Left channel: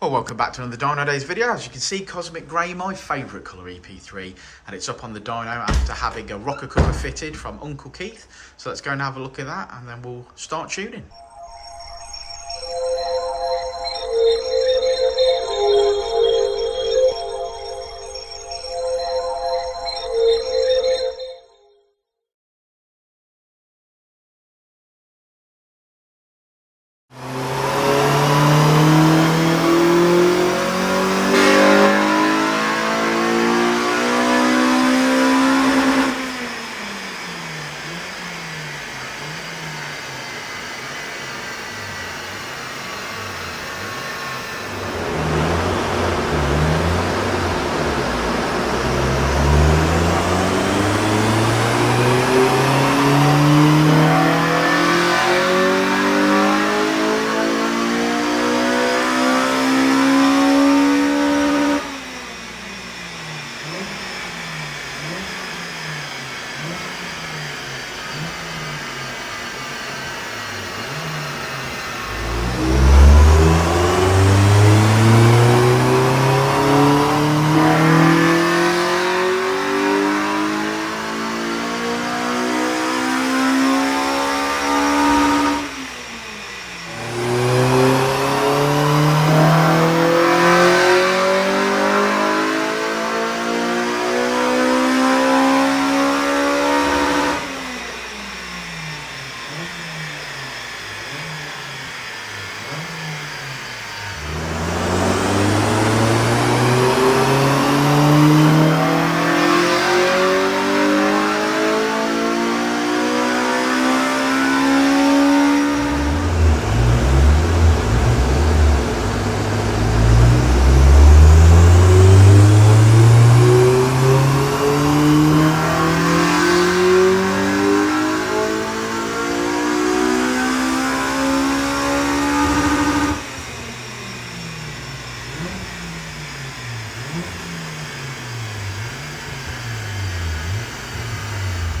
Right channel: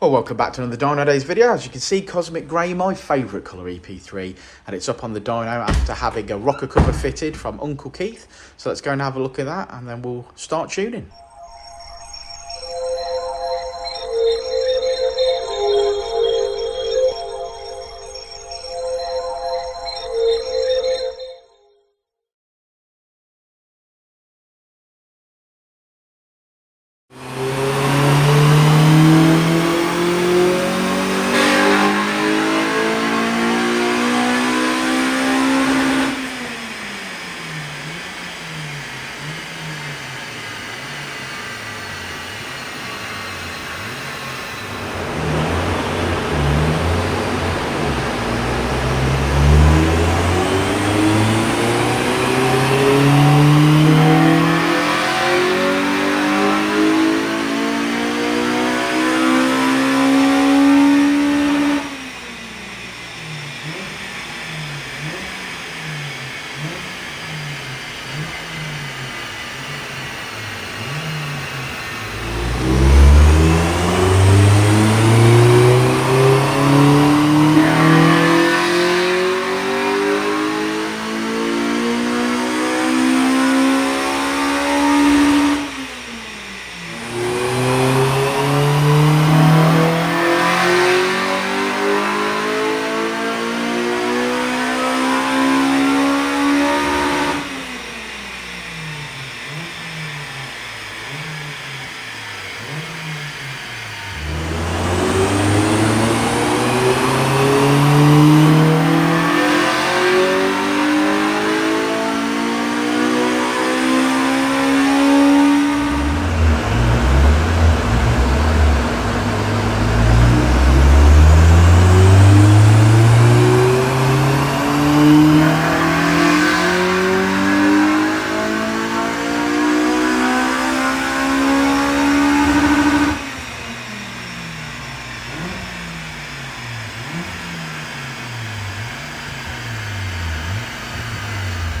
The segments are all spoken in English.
Well, welcome back to another Dynodaze video. As you can see, Cosmic Grey, my favourite colour Ep3, and it's up on the dyno after having a rocker cover fitted from Uncle Keith. So let's go and have a look at that, and then we'll start tuning.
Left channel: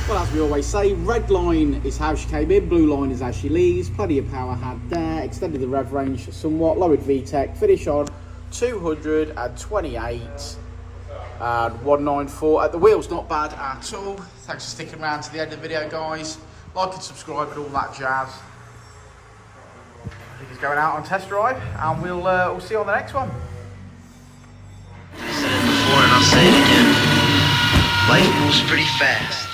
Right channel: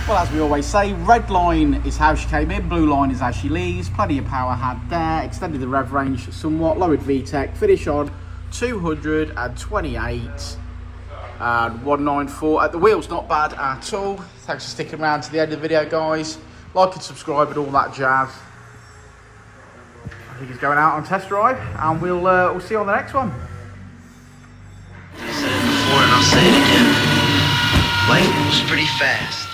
Well, as we always say, red line is how she came in, blue line is how she leaves. Plenty of power had there, extended the rev range somewhat, lowered VTEC, finish on 228 and 194. The wheel's not bad at all. Thanks for sticking around to the end of the video, guys. Like and subscribe and all that jazz. I think he's going out on test drive, and we'll see you on the next one. I said it before and I'll say it again. Life moves pretty fast.